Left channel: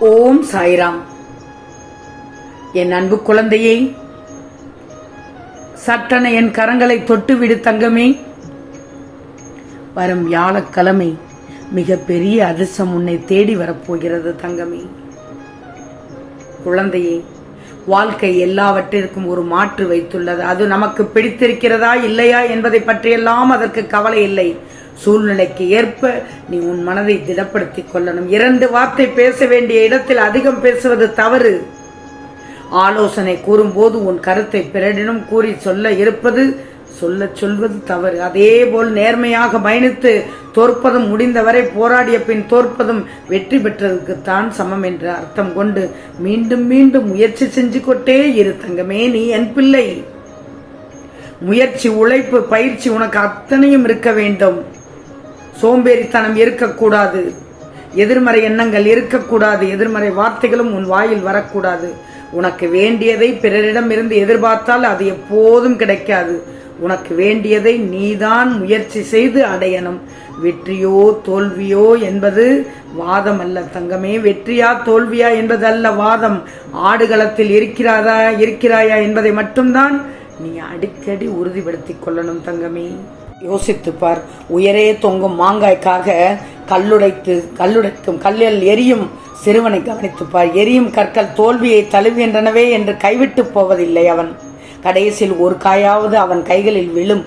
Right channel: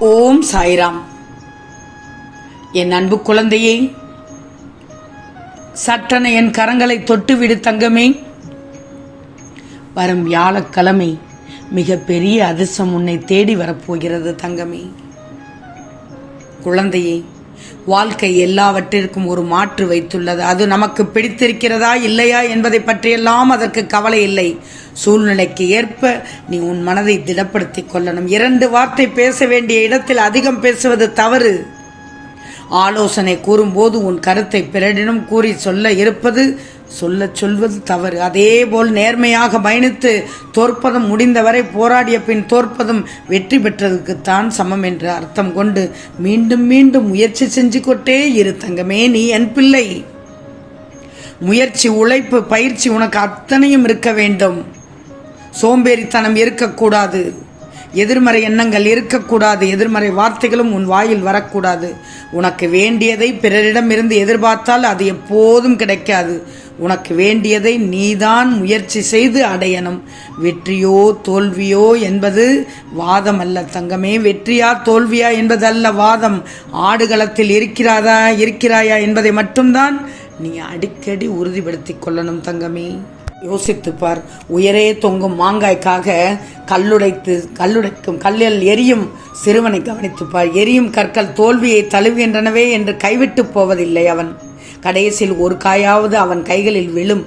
ஓம் சாய்ராம். என் அன்பு குழந்தையே சட்டென என் கரங்களை தொட்டுவிடு தங்கமே. வரும் வியாழக்கிழமை மிக பெரிய அதிர்ஷ்டம் உன்னை தேடி வரப்போகிறது தங்கமே. குழந்தையே வாழ்க்கை எல்லாவற்றிற்கும் ஒரு மாற்று வைத்துள்ளது. அது நமக்கு பிடித்திருக்கிறதா இல்லையா என்பதை பற்றியெல்லாம் அதற்கு கவலை இல்லை. சூழ்நிலைக்கு ஏற்ப நீ உன் மனதை திடப்படுத்திக் கொள்ளணும். இரண்டு வார்த்தை பேச வேண்டிய இடத்தில் அதிகம் பேசுவது தவறு. ஆலோசனை கூறும்போது உன் கருத்தை பிறரிடம் கூறி சொல்ல இருப்பது சொல்ல சொல்வது தவறு. அதேபோல் நேர்மையாக பயணித்து தோற்பதும் முடிந்தவரை போராடிய பின் தோற்பதும் வெற்றி பெற்றதுக்குத்தான் சமம் என்று அர்த்தம் கொண்டு மீண்டும் மீண்டும் முயற்சி செஞ்சு கொண்டே இரு தங்கமே நீ என் பிள்ளை. முயற்சி உழைப்பு பயிற்சி உனக்கு அத்தனையும் இருக்க வேண்டும். சோம்பேறித்தனம் இருக்கக்கூடாது. எதிர்மறை எண்ணங்கள் இருக்கக்கூடாது. எதிர்மறை வார்த்தைகளும் உன் வாயில் வரக்கூடாது. உனக்கு வேண்டியதை பிறரிடமிருந்து எதிர்பார்த்தால் அது எப்போதும் கிடைக்காது. உனக்கு வேண்டியதை நீதான் முயற்சி செய்து அடையணும். வெற்றியோ தோல்வியோ என்பது வாதம் அல்ல தங்கமே. வெற்றியா தோல்வியா என்பது அல்ல வாதம். ஆடுகளத்தில் இருக்கிறாதா இருக்கிறாயா என்பதை மட்டும்தான் நீ அடிக்கடி உறுதிப்படுத்திக் கொள்ளணும் தங்கமே. யோசித்துப்பார் உயரே தொங்கும் மாங்காய்க்காக கல்லுடைத்து கல்லுடைக்கும் கல்லில் எரியும் சிறுவனை கவனித்துப்பார் எரியும் கற்கள் தோல்வியை தழுவுகின்றனவே என்று கைவிட்டு போவதில்லை அவன். கடைசியில் ஒரு காயாவது அவன் கைகளில் விழும்.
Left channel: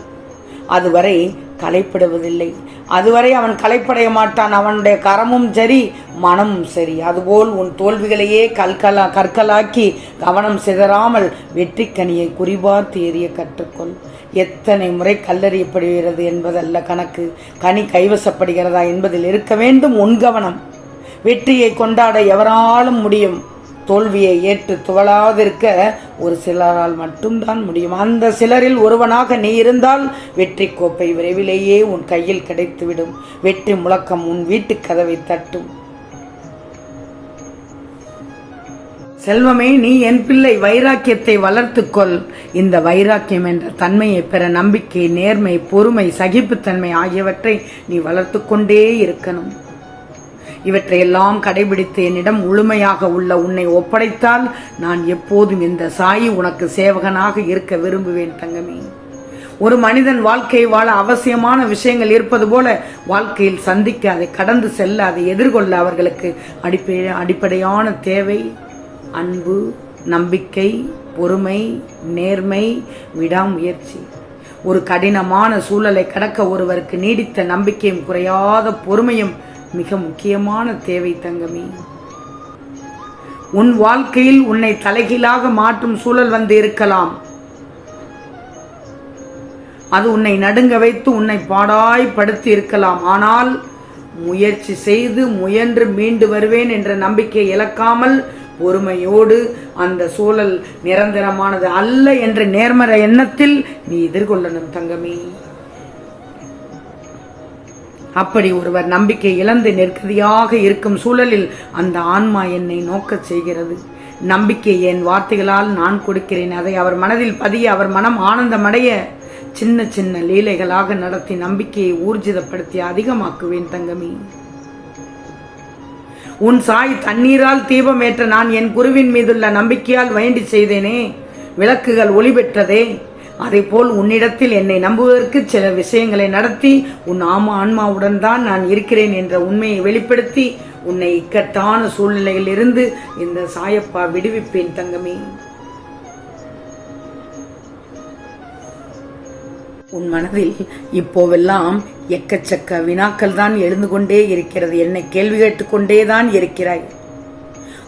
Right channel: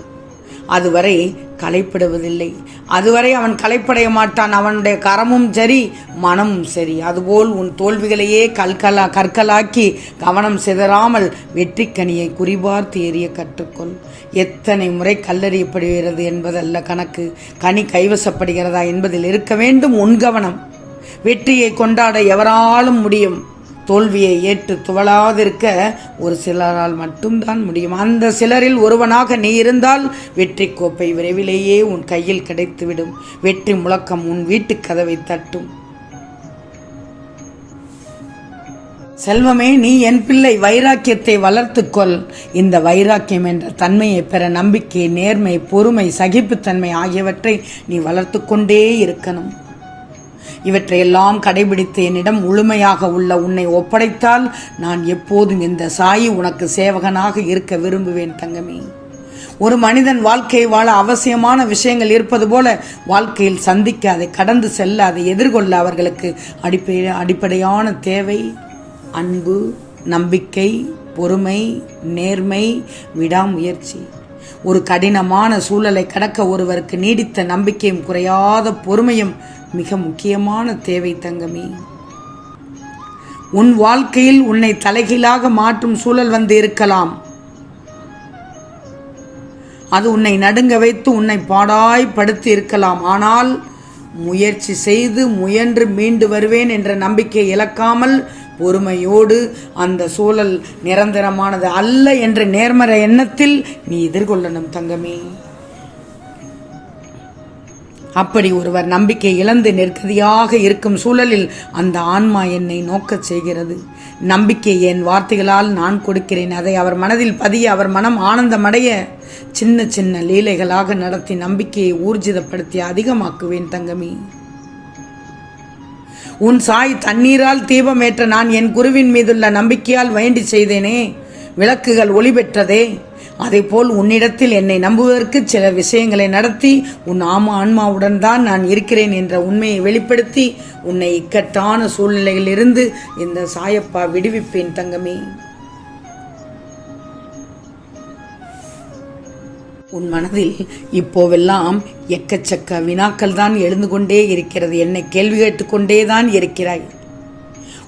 அதுவரை களைப்பிடுவதில்லை. அதுவரை அவன் களைப்படைய மாட்டான். அவனுடைய கரமும் சரி மனமும் சரி. அதுபோல் உன் தோல்விகளையே கல்கலா கற்களாக்கி கவனம் சிதறாமல் வெற்றி கனியை குறிபார்த்து எறிய கற்றுக்கொள். எத்தனை முறை கல்லறியப்படுகிறது என்பதல்ல கணக்கு. கனி கைவசப்படுகிறதா என்பதில் இருக்க வேண்டும் உன் கவனம். வெற்றியை கொண்டாட எவராலும் முடியும். தோல்வியை ஏற்று துவளாதிருக்க ஒரு சிலரால் மட்டும்தான் முடியும். அந்த சிலரில் ஒருவனாக நீ இருந்தால் வெற்றி கோப்பை விரைவிலேயே உன் கையில் கிடைத்துவிடும். வெற்றி முழக்கம் உன் வீட்டு கதவை தட்டும். செல்வமே நீ என் பிள்ளை வைராக்கியத்தை வளர்த்துக்கொள் இந்த வைராக்கியம் என்ற தன்மையை பெற நம்பிக்கை நேர்மை பொறுமை சகிப்புத்தன்மை ஆகியவற்றை நீ வளர்த்து கொண்டே இருக்கணும். இவற்றையெல்லாம் கடைபிடித்து என்னிடம் முழுமையாக உள்ள உன்னை ஒப்படைத்தால் நான் எப்போதும் இந்த சாயி உனக்கு சேவகனாக இருக்க விரும்புவேன் தங்கமே. ஒரு மனிதன் வாழ்க்கையை வாழ அவசியமான விஷயங்கள் இருப்பது போல வாழ்க்கையில் சந்திக்க அதை கடந்து செல்ல அதை எதிர்கொள்ள அவர்களுக்கு அடிப்படை அடிப்படையான தேவை. அன்பு நம்பிக்கை பொறுமை நேர்மை விடாமுயற்சி. ஒரு கடினமான சூழலை கடக்க ஒருவருக்கு நீடித்த நம்பிக்கையும் குறையாத பொறுமையும் மிக முக்கியமான தேவை தங்கமே. உன் வாழ்க்கையில் உன்னை தலைகீழாக மாற்றும் சூழல் வந்து இருக்கலாம். அது உன்னை நடுங்க வைத்து உன்னை பாடாய்படுத்தி இருக்கலாம். ஆனால் முயற்சி செய்து முயன்று மீண்டு வருவேன் என்ற நம்பிக்கை இழக்காமல் பொறுமையோடு அந்த சூழல் நிரந்தரமானது அல்ல என்ற நேர்மறை எண்ணத்தில் நீ எதிர்கொள்ளணும் தங்கமே. அப்படி ஒருவர் நம்பிக்கை இழந்து நெருக்கதியாக இருக்கும் சூழலில் அந்த ஆன்மா என்னை நோக்கச் செய்கிறது. நம்பிக்கை என் வார்த்தைகளால் நான் கொடுக்கிறேன். அதை அவர் மனதில் பதிய அவர் மனம் ஆனந்தமடைய சின்ன சின்ன லீலைகளாக நடத்தி நம்பிக்கையை ஊர்ஜிதப்படுத்தி அதிகமாக்குவேன் தங்கமி. உன் சாய் தண்ணீரால் தீபம் ஏற்ற நான் என் குருவின் மீதுள்ள நம்பிக்கையால் வேண்டி செய்தேனே. விளக்குகள் ஒளி பெற்றதே அதைப்போல் உன்னிடத்தில் என்னை நம்புவதற்கு சில விஷயங்களை நடத்தி உன் ஆமா ஆன்மாவுடன் தான் நான் இருக்கிறேன் என்ற உண்மையை வெளிப்படுத்தி உன்னை இக்கட்டான சூழ்நிலையில் இருந்து இந்த சாயப்பா விடுவிப்பேன் தங்கமே. உன் மனதில் இப்போவெல்லாம் எக்கச்சக்க வினாக்கள் தான் எழுந்து கொண்டே இருக்கிறது. என்னை கேள்வி கேட்டுக்கொண்டே தான் இருக்கிறாய்.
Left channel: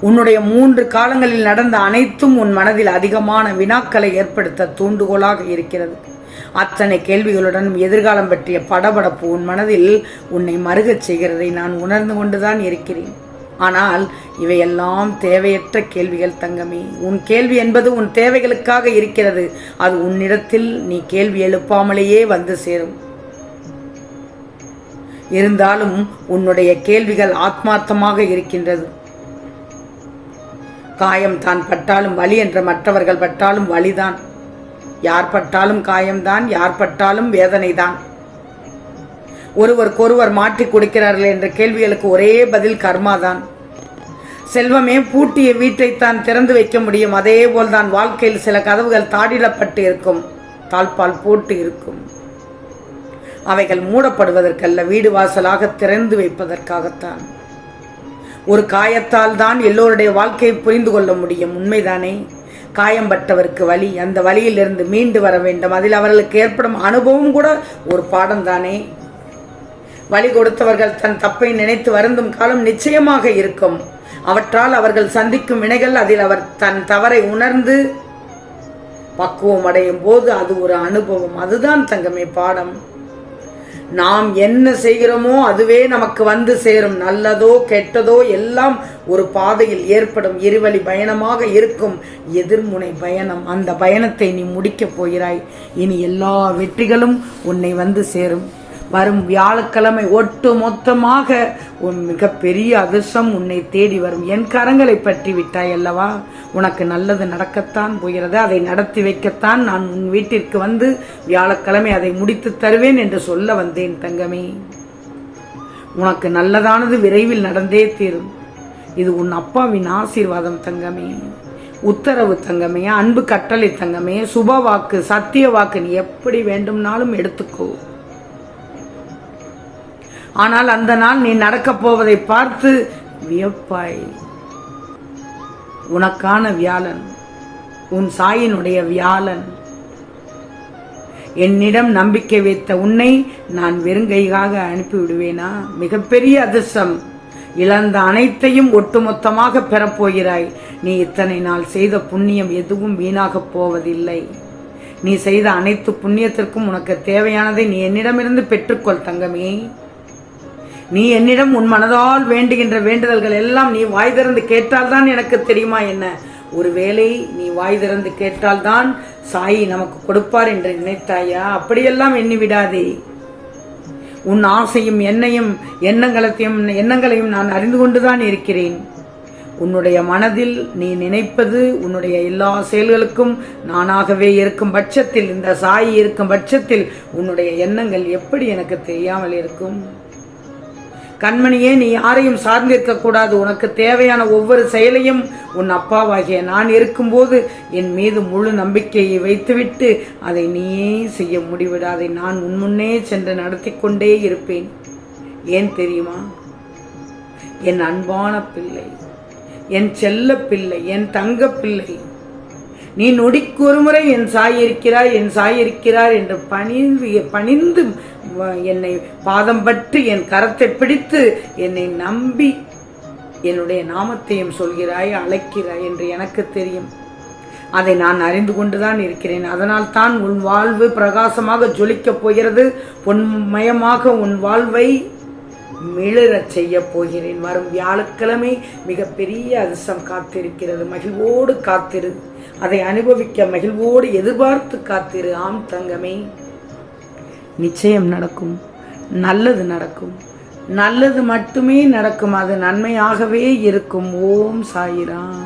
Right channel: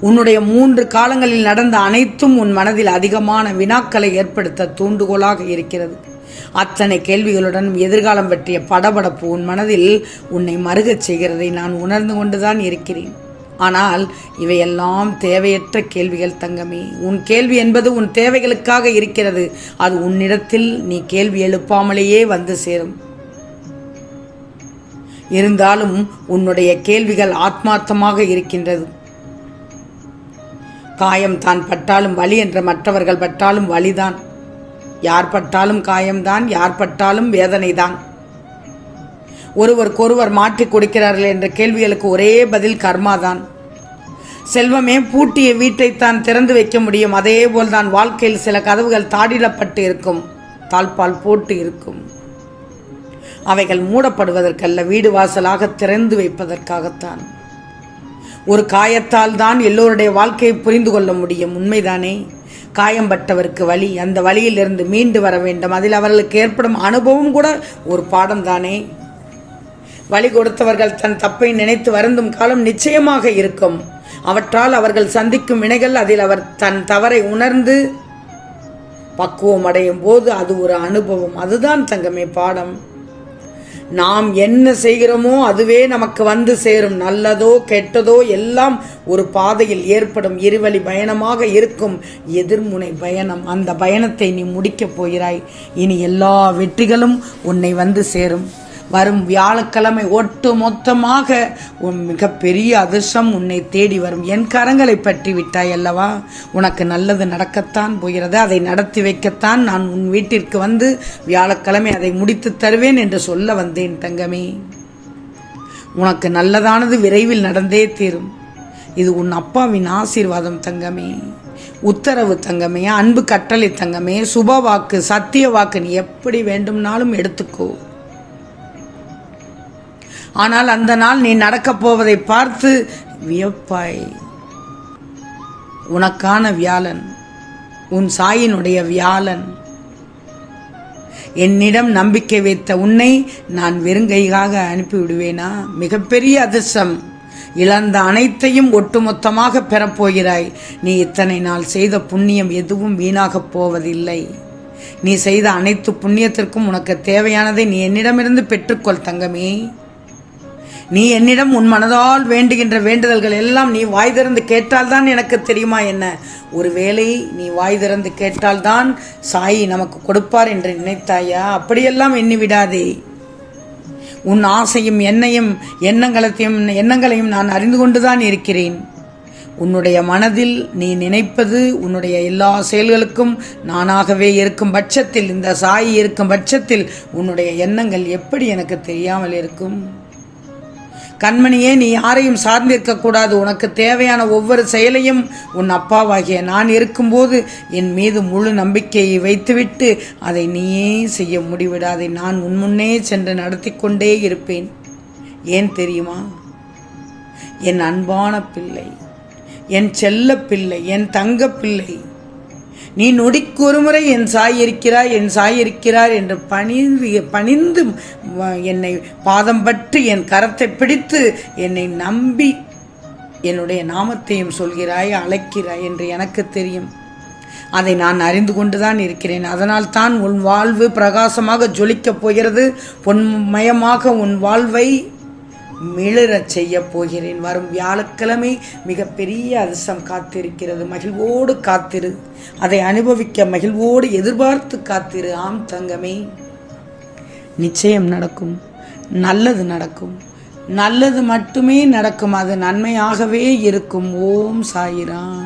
உன்னுடைய மூன்று காலங்களில் நடந்த அனைத்தும் உன் மனதில் அதிகமான வினாக்களை ஏற்படுத்த தூண்டுகோலாக இருக்கிறது. அத்தனை கேள்விகளுடன் எதிர்காலம் பற்றிய படபடப்பு உன் மனதில் உன்னை மருகச் செய்கிறதை நான் உணர்ந்து கொண்டுதான் இருக்கிறேன். ஆனால் இவையெல்லாம் தேவையற்ற கேள்விகள் தங்கமே. உன் கேள்வி என்பது உன் தேவைகளுக்காக இருக்கிறது. அது உன்னிடத்தில் நீ கேள்வி எழுப்பாமலேயே வந்து சேரும். இருந்தாலும் உன்னுடைய கேள்விகள் ஆத்மார்த்தமாக இருக்கின்றது. காயம் தான். பட்டாலும் வலி என்ற மற்றவர்கள் பட்டாலும் வலிதான். யார் பட்டாலும் காயம்தான் யார் பட்டாலும் வேதனைதான். ஒருவருக்கொருவர் மாற்றிக் கொடுக்கிறார்கள் என்ற கேள்விகளுக்கு ஒரே பதில் கர்மாதான். செல்வமே பூட்டிய வீட்டை தான் திறந்து வைக்க முடியும். அதே போல் தான் வாழ்க்கையில் சில கதவுகள் தாடிடப்பட்டு இருக்கும். தாழ்பால் போட்டு இருக்கும். அவைகள் மூடப்படுவதற்கல்ல வீடு வாசலாக திறந்து வைப்பதற்காகத்தான். ஒரு காயத்தால் தான் எல்லோருடைய வாழ்க்கையை புரிந்து கொள்ள முடியும். உண்மைதானே? காயம்பட்டவருக்கு வழி அந்த வழியிலிருந்து மீண்டு வர வேண்டும். அதில் அவர்களுக்கு ஏற்படும் அனுபவம் கூட ஒரு பாடம் தானே வழி கொடுத்தவர்கள் தன் தப்பை நினைத்து வருந்தும் காலம் நிச்சயமாக இருக்கும். அவற்றால் அவர்கள் சந்திக்கும் வினைகள் அதில் அவர் தன் தவறை உணர்ந்து பக்குவம் அடையும் போது அது ஒரு அனுபவம். அதுதான் தங்கமே பாடம். நாம் என்ன செய்கிறோமோ அதுவே நமக்கு வந்து சேரும். நல்லதோ கெட்டதோ எல்லாம் ஒரு பாதையில் ஏற்படும். இருவழி பயணமாக இருக்கும். எதிர்முனை பயணம். அந்த பயணத்தை நீ முடிக்கப் போகிறாய். இனி எல்லா வெற்றிகளும் உன்னை வந்து சேரும். வரும் வியாழக்கிழமை ஒட்டு மொத்தமாக உன் மிகப்பெரிய அதிர்ஷ்டம் உன்னை தேடி வரும். என் கரங்களை பற்றி விட்டாய் அல்லவா? உனக்கு நல்லது நடக்கத்தான் போகிறது. அதை நடத்தி வைக்கத்தான் நான் உன் வீட்டிற்கு வந்து வியாழக்கிழமை அதை முடித்து தருவேன் என்று சொல்ல வந்தேன் தங்கமே. உனக்கு நல்லதானது விரைவில் நடந்தே தீரும். இது உன் அப்பாவின் ஆசீர்வாதம் தங்கமே. உத்தரவு தங்கமே. அன்பு கட்டளை தங்கமே. சுப வாக்கு சத்திய வாக்கு நீ எப்படி வேண்டும்னாலும் எடுத்துக்கோ. ஆனால் அந்த நாள் நீ நடக்கப் போவதை பார்த்து வியப்பாய். உனக்கான வியாழன் உன் சாயினுடைய வியாழன். என்னிடம் நம்பிக்கை வைத்த உன்னை நான் வெறுங்கையாக அனுப்பிவிடுவேனா? மிகப்பெரிய அதிர்ஷ்டம். இழந்த அனைத்தையும் ஒட்டுமொத்தமாக பெறப்போகிறாய் நீ இத்தனை நாள் செய்த புண்ணியம் எதுவும் வீணாகப் போவதில்லை. நீ செய்த அனைத்து புண்ணியத்திற்கும் உனக்கு தேவையானதை நீ என்னிடமிருந்து பெற்றுக்கொள் தங்கமே. நீ என்னிடம் உன் மனதால் வேண்டுகின்ற வேண்டுதல்கள் எல்லாம் நீ வாய் திறந்து கேட்டால்தான் எனக்கு தெரியுமா என்ன? ஒருவேளை நீ வாய் திறந்து கேட்டால்தான் சாயி நமக்கு கொடுப்பார் என்று நினைத்தாயா? அப்படியெல்லாம் எண்ணி விடாதே. உன் ஆசையும் என்னையும் எண்ணங்களையும் எண்ணங்களையும் நான் அறிந்து கொண்டுதான் இருக்கிறேன். உன்னுடைய மனதில் நீ நினைப்பது உன்னுடைய எல்லா செயல்களுக்கும் நானாகவே இருக்கும் பட்சத்தில் இந்த சாயி இருக்கும் பட்சத்தில் உன்னுடைய எண்ணங்கள் எப்படி எனக்கு தெரியாமல் இருக்கும்? கண்மணியே நீ யாரையும் சார்ந்திருக்க கூடாது உனக்கு தேவையான ஒவ்வொரு செயலையும் உன் அப்பாவாகிய நான் இருக்கும்போது என் மீது முழு நம்பிக்கையை வைத்துவிட்டு அதை நீயே செய்ய முடிவிடாதை. நான் உன் முன்னே சென்று நடத்தி கொண்டே இருப்பேன். ஏன் தெரியுமா? என் அன்பான பிள்ளை என் செல்ல பிள்ளை என் தங்க பிள்ளை நீ நொடிக்கு ஒருமுறை என் சாய் இருக்கிறார் என் சாய் இருக்கிறார் என்று பணிந்து பணிந்து என்னை பாதம் பட்டு என் கரத்தை பிடித்து என்னை நம்பி என்னுடைய நாமத்தையும் சொல்கிறாய் அழைக்கிறாய் என்று எனக்கு தெரியும். அதை நான் அறிந்து கொண்டுதான் இருக்கிறேன். அதனால் தான் உன் வாழ்வு பிரகாசமாக ஜொலிக்கப் போகிறது. பொன்மயமாக உன் வாழ்வை மிளிரச் செய்ய போகிறேன். வரும் வியாழக்கிழமை மிகப்பெரிய அதிர்ஷ்டம் காத்திருக்கிறது. மகிழ்வோடு காத்திரு. அதை அனுபவிக்க மகிழ்வோடு எதிர்பார்த்து காத்திரு. ஆம் தங்கமே. நிச்சயம் நடக்கும். நல்லது நடக்கும். நல்லது மட்டுமே நடக்கும். அது நன்மையாகவே இருக்கும். ஓம் சாயிராம்.